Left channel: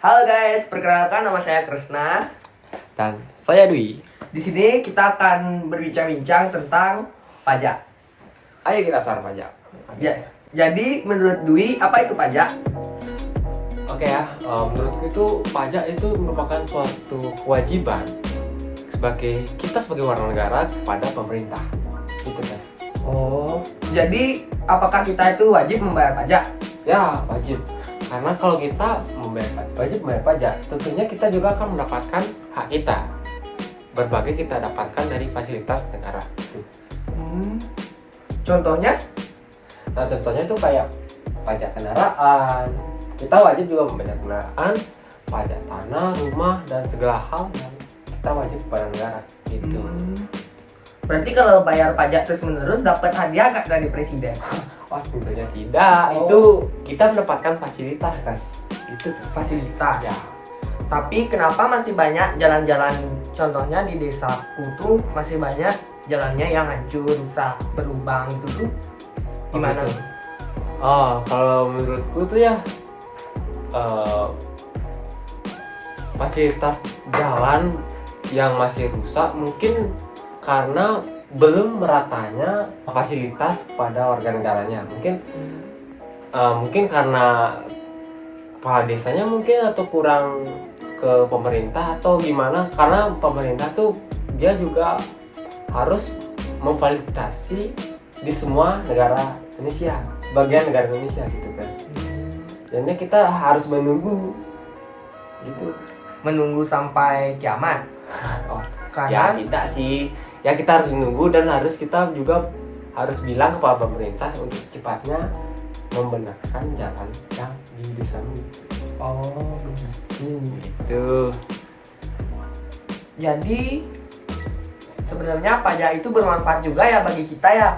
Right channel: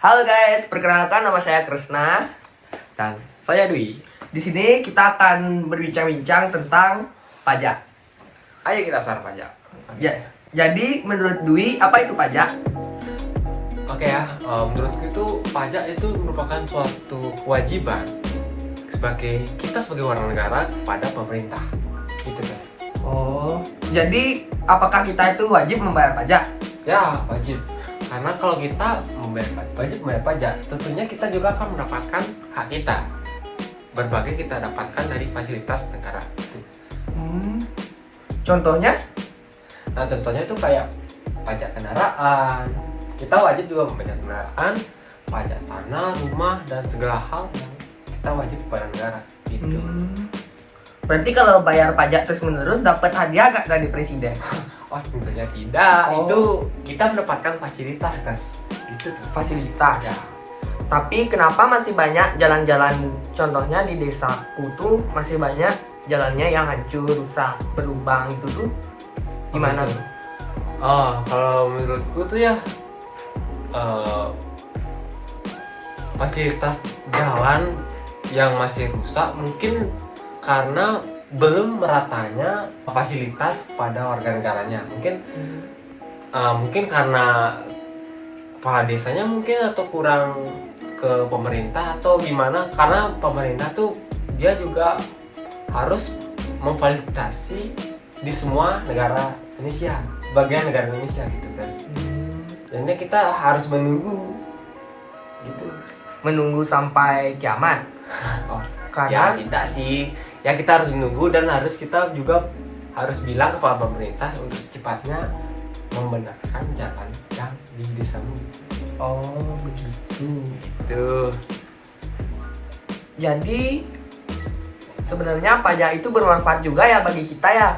Halo guys, perkenalkan nama saya Kresna. Dan saya Dwi. Di sini kita akan berbincang-bincang tentang pajak. Ayo kita share pajak. Ya, jadi menurut Dwi apa itu pajak? Oke ya, menurutku itu pajak itu merupakan suatu kewajiban sebagai warga negara kepada pemerintah. Itu guys. Oh, jadi apakah kita itu wajib membayar pajak? Ya wajib. Karena kalau kita wajib membayar pajak, tentunya kita juga akan mendapatkan hak kita. Berbagai kita dapatkan dari fasilitas negara. Itu. Contohnya? Nah contohnya itu kayak pajak kendaraan. Kita wajib juga membayar kendaraan, pajak tanah, rumah, dan segala hal yang kita wajib kepada negara. Gitu. Berarti kalau bayar pajak terus menerus dapat hadiah gak dari presiden? Wah tentunya tidak. Oh. Itu kita mendapatkan fasilitas guys. Itu Fasilitas. Ya. Tapi kenapa masih banyak jalan-jalan, contohnya di desaku tuh masih banyak jalannya yang hancur, rusak, berlubang itu tuh gimana? gitu. Kalau menurutku tuh ya fasilitas jalan yang masih rusak mungkin karena belum meratanya fasilitas pada warga negaranya. Mungkin karena kepala desanya mungkin atau kurang ke pemerintah atau gimana, karena pemerintah tuh dia juga harus memfasilitasi di semua negara Indonesia, bagian negara Indonesia gitu guys. Jadinya kita harus menunggu gitu. Menunggu sampai kiamat. Oh, Karena ya tidak sih. Ya kita harus menunggu dan kita juga harus bilang kepada pemerintah untuk secepatnya membenarkan jalan yang di desa ini. oh begitu. Tuh. Jadi sebenarnya pajak itu bermanfaat juga ya bagi kita ya.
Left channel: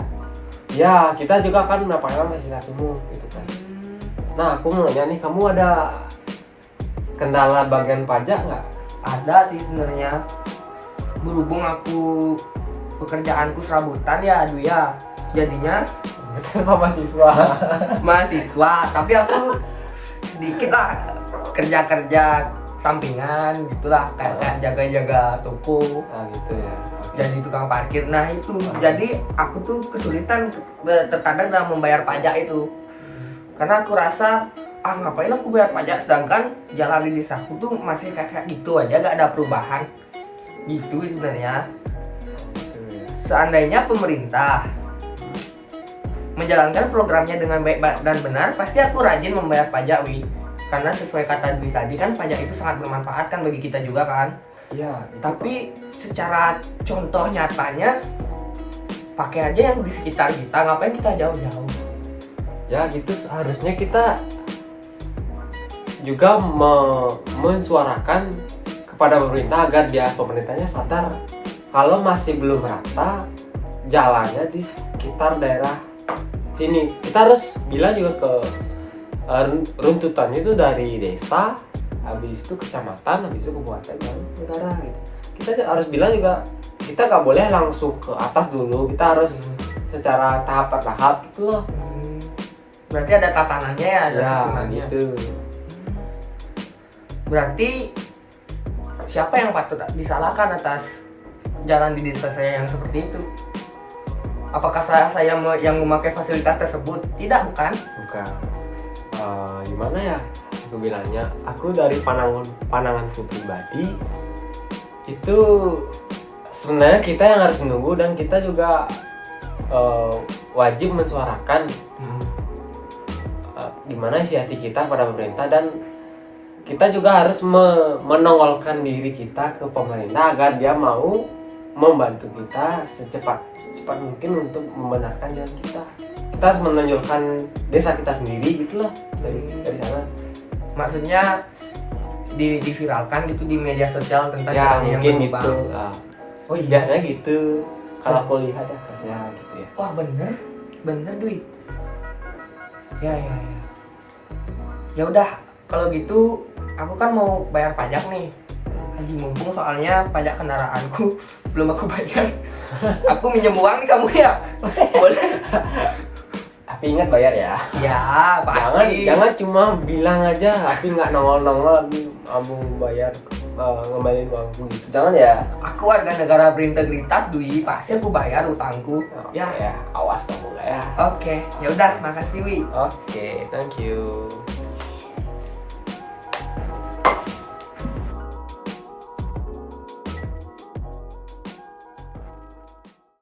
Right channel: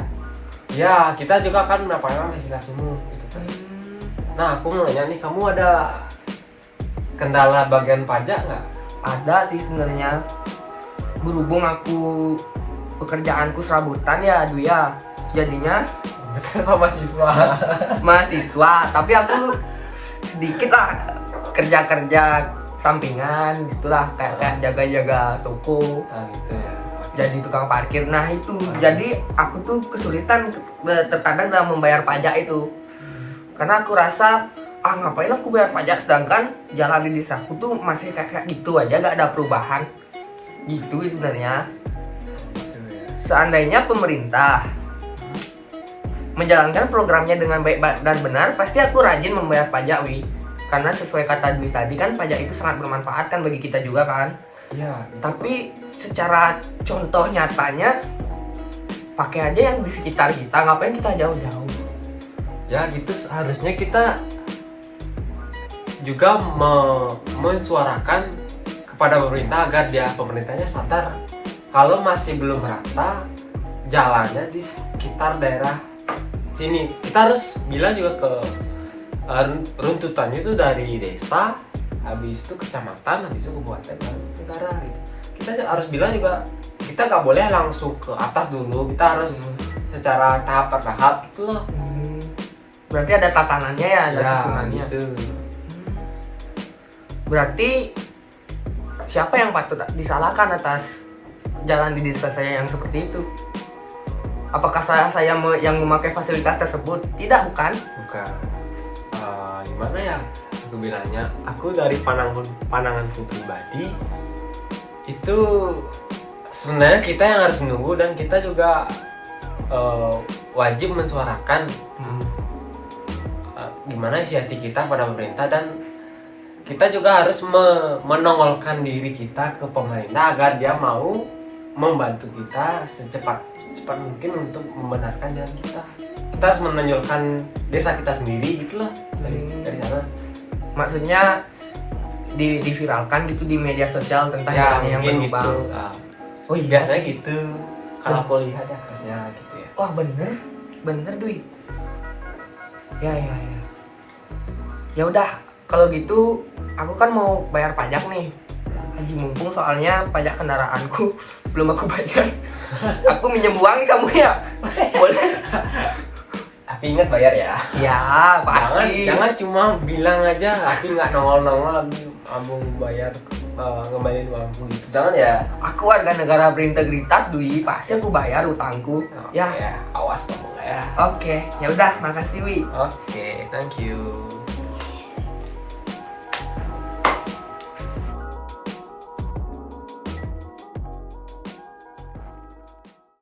Ya, kita juga akan mendapatkan fasilitas umum gitu guys. Nah, aku mau nanya nih, kamu ada kendala bagian pajak nggak? Ada sih sebenarnya. Berhubung aku pekerjaanku serabutan ya, aduh ya. Jadinya Betul mahasiswa. mahasiswa, tapi aku sedikit lah kerja-kerja sampingan gitulah, kayak jaga-jaga toko, Nah, gitu ya. jadi tukang parkir. Nah itu, jadi aku tuh kesulitan terkadang dalam membayar pajak itu, karena aku rasa ngapain aku bayar pajak sedangkan jalan di desaku tuh masih kayak gitu aja, gak ada perubahan gitu sebenarnya. Gitu ya. Seandainya pemerintah menjalankan programnya dengan baik dan benar, pasti aku rajin membayar pajak, Wi. Karena sesuai kata Dwi tadi kan, pajak itu sangat bermanfaat kan bagi kita juga kan. Iya. Tapi secara contoh nyatanya, pakai aja yang di sekitar kita, ngapain kita jauh-jauh? Ya gitu, seharusnya kita juga mensuarakan kepada pemerintah agar pemerintahnya sadar kalau masih belum rata jalannya di sekitar daerah sini. Kita harus bilang juga ke runtutannya itu dari desa, habis itu kecamatan, habis itu kabupaten dan negara gitu. Kita harus bilang juga, kita nggak boleh langsung ke atas dulu, kita harus secara tahap gitu loh. Berarti ada tatanannya ya, ada susunannya. Gitu. Berarti siapa yang patut disalahkan atas jalan di desa saya yang seperti itu? Apakah saya yang memakai fasilitas tersebut? Tidak, bukan? Bukan. Gimana ya aku bilangnya, aku dari pandanganku pribadi itu sebenarnya kita yang harus menunggu, dan kita juga wajib mensuarakan gimana isi hati kita pada pemerintah, dan kita juga harus menongolkan diri kita ke pemerintah agar dia mau membantu kita secepat mungkin untuk membenarkan jalan kita. Kita harus menonjolkan desa kita sendiri gitu loh dari sana. Maksudnya diviralkan gitu di media sosial tentang Ya jalannya yang mungkin berlubang. gitu. Oh iya, Biasanya gitu. Kalau aku lihat ya harusnya gitu ya. wah bener Dwi. Ya. Ya udah, kalau gitu aku kan mau bayar pajak nih. Haji, mumpung soalnya pajak kendaraanku belum aku bayar. Aku minjem uang nih kamu ya. Boleh? Tapi ingat bayar ya. Ya pasti. Jangan cuma bilang aja tapi nggak nongol tapi abang bayar ngembaliin uangku gitu. Jangan ya. Aku warga negara berintegritas Dwi, pasti aku bayar utangku. Ya. Ya, awas kamu lah ya. Oke, ya udah, makasih Wi. Oke, thank you.